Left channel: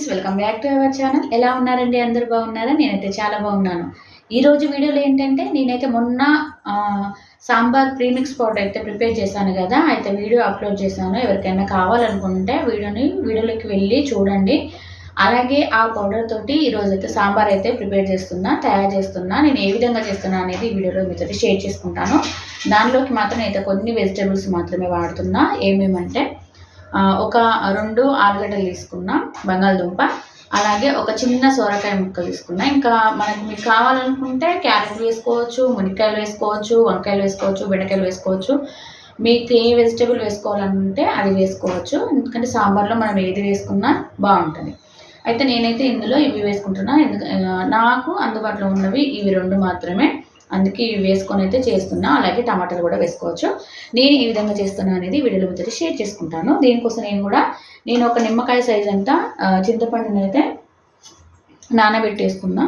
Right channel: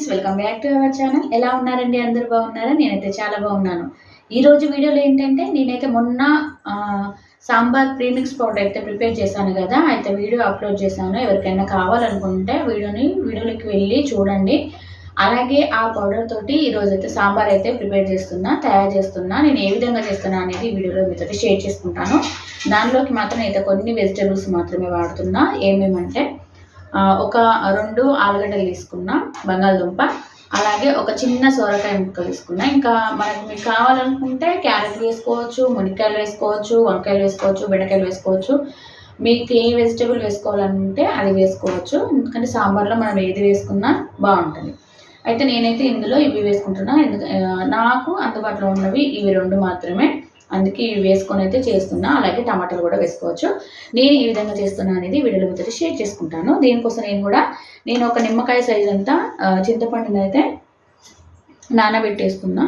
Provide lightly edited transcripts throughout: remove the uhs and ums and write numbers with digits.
Friends, welcome back to our channel. ఎలా ఉన్నారండి? అందరూ బాగున్నారా? నేనైతే చాలా బాగున్నాను. ఈరోజు వీడియోలో ఏంటంటే నేనైతే మొన్న సాంబార్ ప్రీమిక్స్ పౌడర్ అయితే ప్రిపేర్ చేశాను కదా, అయితే వీడియో అప్లోడ్ చేశాను. ఎవరికైనా కావాలనుకుంటే వీడియోలోకి వెళ్ళి చూడండి. అలాగే ఆ పౌడర్ తోటి ఈరోజు అయితే సాంబార్ అయితే తయారు చేస్తున్నా. నేను ఏ విధంగా చేస్తున్నా అనేది ఈ వీడియోలో మీతో షేర్ చేసుకుంటాను. దానిలోకి మాత్రం అయితే కొన్ని వెజిటేబుల్స్ మాత్రమే వాడుతున్నా. ఏమేమంటే ఒక 2 ఆలుగడ్డలు తీసుకున్నా, బంగాళదుంప, అలాగే ఒక చిన్న సొరకాయ ముక్కలు తీసుకున్నా. ఇంకా మీకు కావాలనుకుంటే క్యారెట్ వేసుకోవచ్చు, మునక్కాయలు వేసుకోవచ్చు, వంకాయలు వేసుకోవచ్చు, బెండకాయలు వేసుకోవచ్చు. మీకు ఏ వెజిటేబుల్ వేసుకోవాలంటే అది వేసుకోవచ్చు. ఎందుకంటే సాంబార్లో మనం ఏది వేసుకున్నా బాగుంటుంది. అయితే నేనైతే ఇందులో ఇవి వేసుకుంటున్నా. నాకు అందుబాటులో ఉన్నవి ఇవి 2 మాత్రమే. అందుకే ఇవి వేసుకొని అయితే చేస్తున్నా. అలాగే టమాటాలు కూడా వేసుకోవచ్చు. నేను ఈ విధంగా చేస్తున్నా అనేది వీడియోలో మీతో షేర్ చేసుకుంటాను. దీనికోసం నేను ఒక నిమ్మకాయ సైజ్ అంతా చింతపండుని అయితే నానబెట్టేసుకున్నా.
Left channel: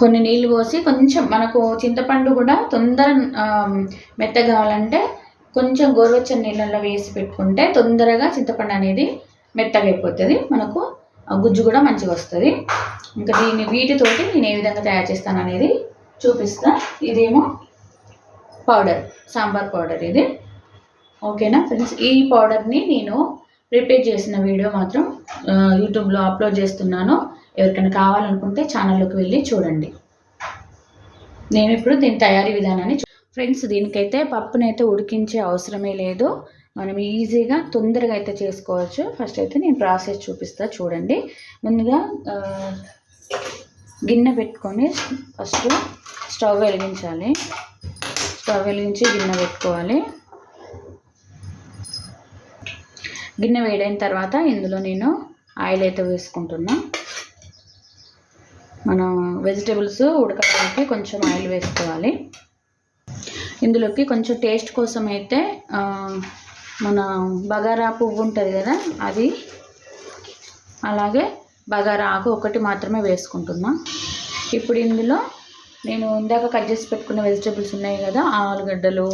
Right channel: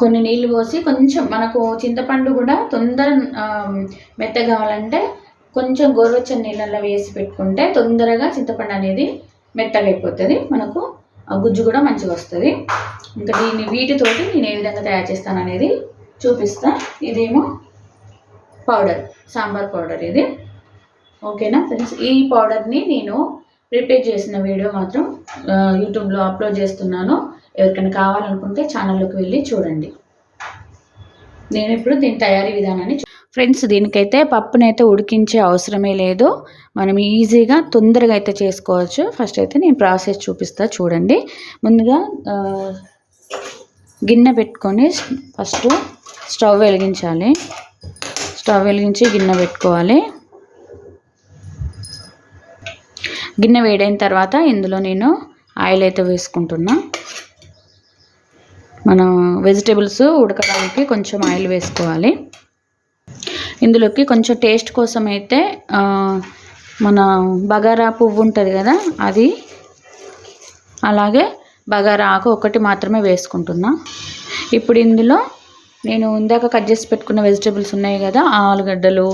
కొన్ని నీళ్ళు పోసి, కొంచెం మనకు చింతపండు కూడా తొందర మెత్తగా కావాలంటే కొంచెం గోరువెచ్చని నీళ్ళల్లో వేసి పెట్టుకుంటే తొందరగా చింతపండు అనేది మెత్తగా అయిపోతుంది. మనకు గుజ్జు కూడా మంచిగా వస్తుంది. ఇంకా వీటితోటి నేను ఏ విధంగా తయారు చేస్తాను అనేది చూపిస్తా. ఇదేమో పౌడర్, సాంబార్ పౌడర్ ఇది. ఓకేనా ఫ్రెండ్స్, ఈ పౌడర్ని నేను ప్రిపేర్ చేసిన వీడియో మాత్రం యూట్యూబ్లో అప్లోడ్ చేస్తున్నాను. ఎవరికైనా కావాలనుకుంటే ఛానల్లోకి వెళ్ళి చూడండి. నేను ఇప్పుడు దీని తయారీ విధానాన్ని ఫ్రెండ్స్, దీనికైతే పప్పునైతే ఉడికించే అవసరమే లేదు. మనం ఈజీగా తొందరగా అయితే చేసుకోవచ్చు. ఫస్ట్ అయితే నేను ప్రాసెస్ చూపిస్తా చూడండి. ముందుగా గిన్నె పెట్టుకొని ఫస్ట్ స్టవ్ వెలిగించాలి. స్టవ్ వెలిగించి గిన్నె పెట్టుకోవాలి. గిన్నె వేడైన తర్వాత ఇందులో నేను ఆయిల్ అయితే వేసుకుంటున్నా. మనం వెజిటేబుల్స్ ఉడకడానికి కొంచెం ఆయిల్ వేసుకోవాలి. ఇందులోకి కొంచెం టేస్ట్ కోసం అయితే మన బగారా పువ్వు ఉంటుంది కదా, అది, అలాగే బగారా ఆకు ఒకటి మాత్రమే వేసుకుంటున్నా. ఇప్పుడు ఇందులో నేను ఇందాక కట్ చేసి పెట్టుకున్న వెజిటేబుల్స్ ఉన్నాయి కదా, ఆలుగడ్డలు,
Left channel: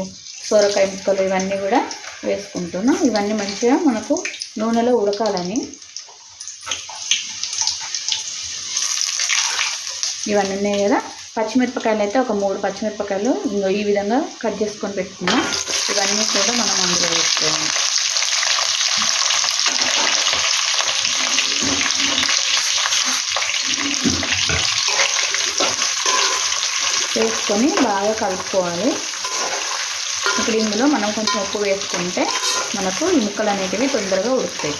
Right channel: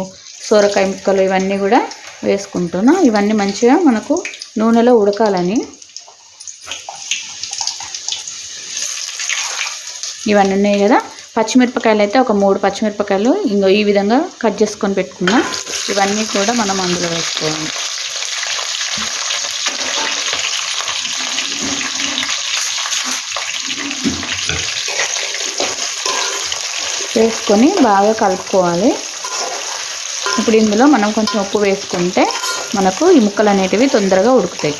సొరకాయ ముక్కలు, ఇవన్నీ కూడా వేసుకుంటున్నా. ఇవన్నీ మంచిగా మనకు నూనెలో ఉడకాలని. ఇవన్నీ ఉన్నాయి కదా. పచ్చిమిరపకాయలు అయితే ఒక 3 పచ్చిమిరపకాయలు ఈ విధంగా కట్ చేసుకొని పెట్టుకున్నా. ఇవన్నీ కూడా మనం అందులో వేసుకోవాలి. వేసుకొని బాగా కలుపుకోవాలి. ఇప్పుడు ఇందులో మనం కొంచెం ఉప్పు వేసుకుంటే మనకు ఈ ముక్కలు అనేటివి తొందరగా ఉడుకుతాయి.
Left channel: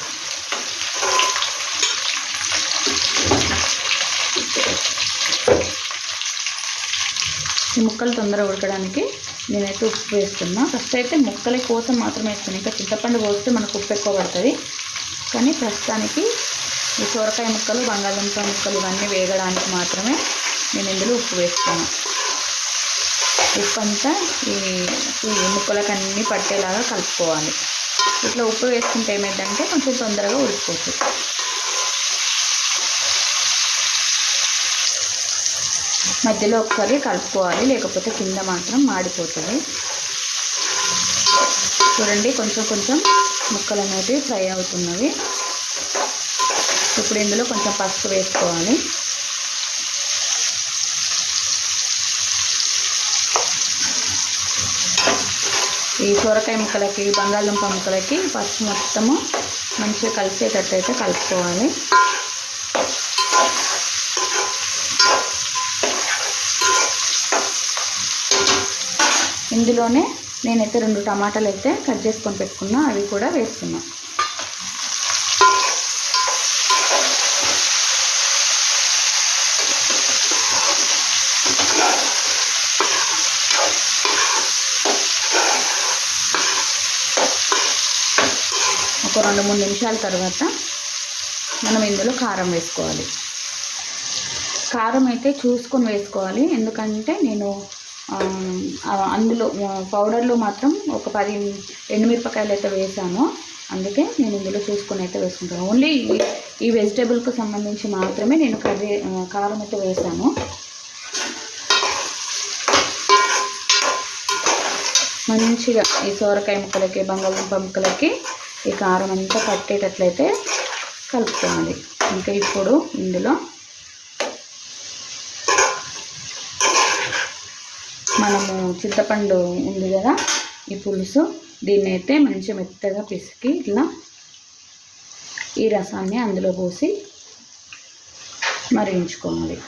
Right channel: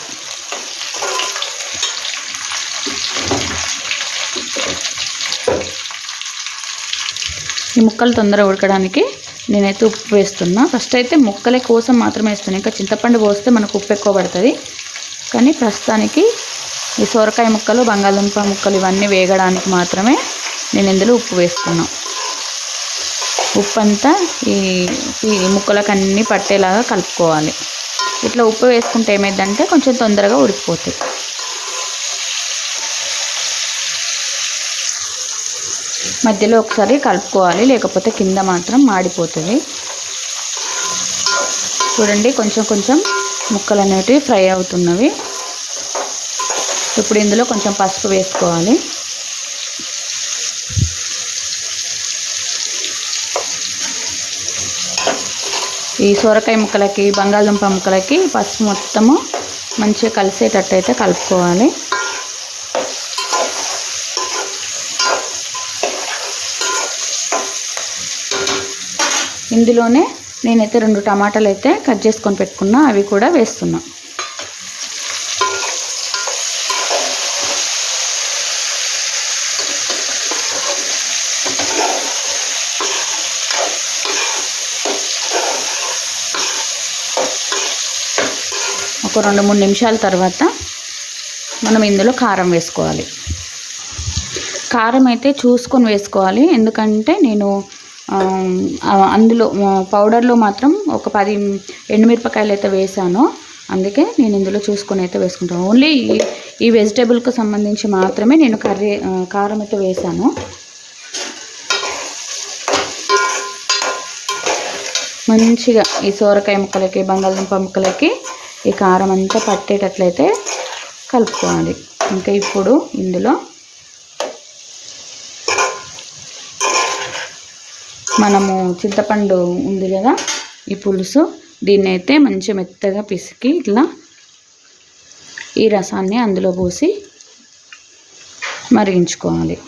ఈ ముక్కలు తొందరగా ఉడకడానికి నేనైతే ఉప్పు వేస్తున్నా. ఫస్ట్ అయితే ముక్కల కోసం మాత్రమే వేస్తున్నాను. ఇంకా చింతపండు పోస్తే మనకు ఉప్పు ఎక్కువ పడుతుంది. కానీ ప్రస్తుతానికి ఈ సొరకాయ ముక్కలు, బంగాళదుంప ముక్కలు ఇవన్నీ వేగడానికి మాత్రమే నేను ఇందులో ఉప్పు వేస్తున్నాను. ఉప్పు అంతా ఈ ముక్కలకు అన్నీ పట్టేలాగా కలుపుకోవాలి. ఇట్లా ఉప్పు వేసుకుంటే ఏమైందంటే కొంచెం తొందరగా ఉడికిపోతుంది. మధ్యలో ఒకసారి కలుపుకోవాలి, లేకపోతే కింద మాత్రం మాడిపోతుంది. చూడండి, కొంచెం కొంచెం ముక్కలు అనేటివి ఫ్రై అవుతున్నవి. ఇప్పుడు ఇందులో కొంచెం పసుపు వేసుకోవాలి. ఈ సొరకాయ ముక్కలకి, బంగాళదుంప ముక్కలకి పసుపు మొత్తము మంచిగా కలిసేటట్టు అయితే కలుపుకోవాలి. ఇందులోనే నేనైతే 2 టమాటాలు అయితే కట్ చేసుకొని పెట్టుకున్నా, అవి కూడా వేస్తున్నా. ఒక 2-3 నిమిషాల తర్వాత మనం ఇందులో కారం వేసుకోవాలి. కారం అయితే చూసుకొని వేసుకోవాలి. ఎందుకంటే నేను అందులో పౌడర్లో మాత్రం ఒక 10 ఎండుమిరపకాయలు అయితే వేసాను. అందుకే నేను ఇందులో చూసుకొని అయితే వేసుకుంటాను. ఓన్లీ ఈ వెజిటేబుల్కి సంబంధించి మాత్రమే నేను కారం అయితే వేసాను. మంచిగా ఈ సొరకాయ ముక్కలకి, బంగాళదుంప ముక్కలకి ఈ కారం అంతా పట్టేటట్లయితే కలుపుకోవాలి. ఇంకా ఇప్పుడు ఇందులో మనము చింతపండు ఉంది కదా, ఈ పులుసు, దీన్ని అయితే మంచిగా మెత్తగా పిసికి ఇట్లా ఈ రసాన్ని అందులో పోసి మరిగించుకోవాలి.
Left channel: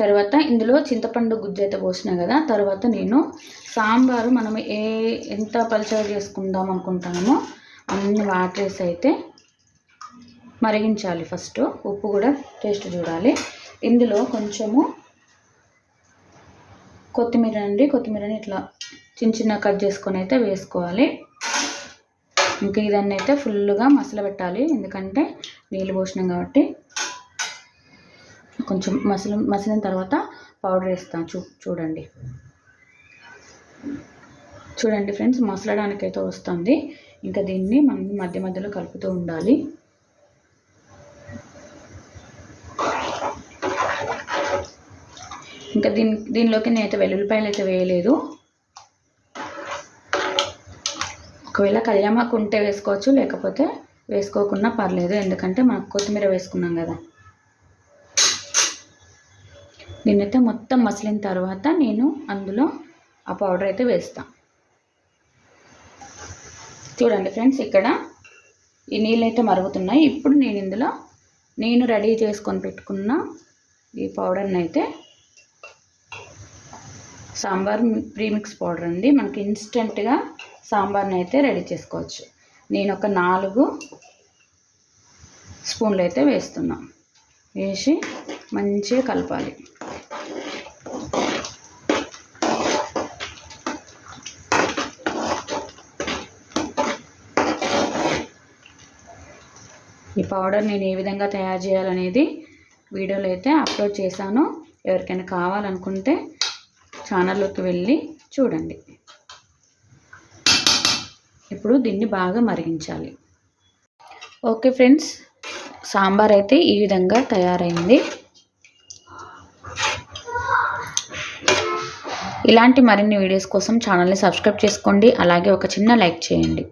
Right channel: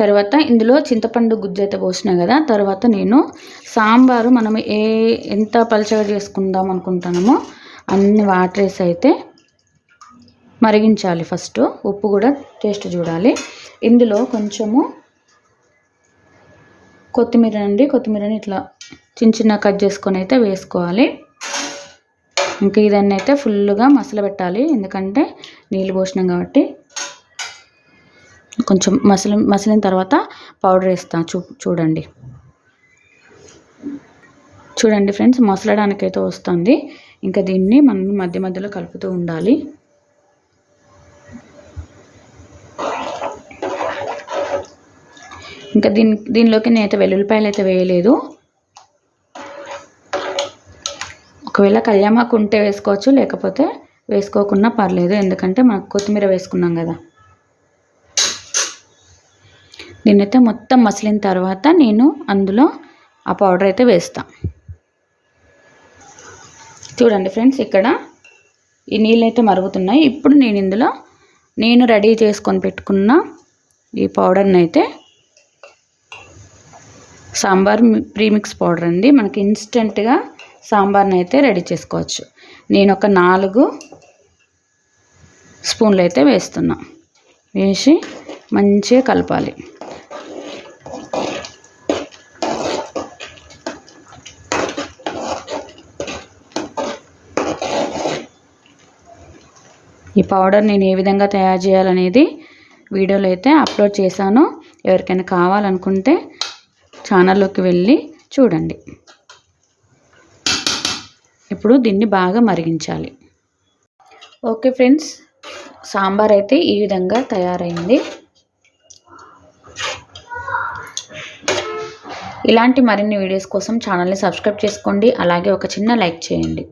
తర్వాత ఇందులో చింతపండు గుజ్జు అయితే పోసినా కదా, తర్వాత నేను సాంబారు మనం ఎంత పలచగా చేసుకుందాం అనుకుంటామో అన్ని వాటర్ వేసి అయితే మరిగించాలి. ఫస్ట్ ఉప్పు కూడా టేస్ట్ చూడాలి. ఇందులో కొంచెము కొత్తిమీరని ఇట్లా చిన్న కట్ చేసుకొని అయితే వేసుకోవాలి. ఇంకా ఇదన్నీ అయితే ఫుల్గా మసలబెట్టాలి, ఎందుకంటే నీళ్ళు పోసినాం కాబట్టి. కొంచెం మసిలిన తర్వాత పౌడర్ వేస్తాను. చూడండి ఫ్రెండ్స్, మసలడానికైతే వస్తుంది. ఇంకా దీన్ని మనం మధ్య మధ్యలో కలుపుతూ ఉండాలి. ఇంకా దీనిలోకి నేనైతే వెల్లుల్లిపాయలు అయితే వేయలేదు. ఒకవేళ కళ్యామాకు ఉంటే వేసుకోవచ్చు, లేకపోతే వేసుకోకున్నా పర్లేదు, ఎందుకంటే మనకు కొత్తిమీర వేసుకున్నాం కదా. దీన్నైతే మొత్తం మసిలిన తర్వాత నేను అందులో ఆ పౌడర్ అయితే వేస్తాను. చూడండి ఫ్రెండ్స్, ఇక్కడ ఈ నీళ్ళు అయితే మరుగుతున్నాయి. ఇప్పుడు నేను ఇందులో రెడీ చేసుకొని పెట్టుకున్న ఈ పౌడర్ని అయితే, సాంబార్ ప్రీమిక్స్ పౌడర్ అండి, మనకి ఇన్స్టెంట్గా సాంబార్ని అయితే రెడీ చేసుకోవచ్చు. నేను ఒక 4 స్పూన్లు అయితే వేస్తున్నా. వేసి మంచిగా కలపాలి. ఈ పౌడర్ నేను ఏ విధంగా తయారు చేయాలనేది వీడియోలో అయితే అప్లోడ్ చేశాను. ఎవరికైనా కావాలనుకుంటే ఛానల్లోకి వెళ్ళి చూడండి. ఇప్పుడు దీన్ని బాగా మరిగించాలి. ఓకే ఫ్రెండ్స్, సాంబార్ అయితే ఈ విధంగా తయారైంది. ఇలాంటి మరిన్ని వీడియోస్ కోసం ఛానల్ని సబ్స్క్రైబ్ చేసుకోండి. అలాగే ఒక చిన్న లైక్ చేయండి.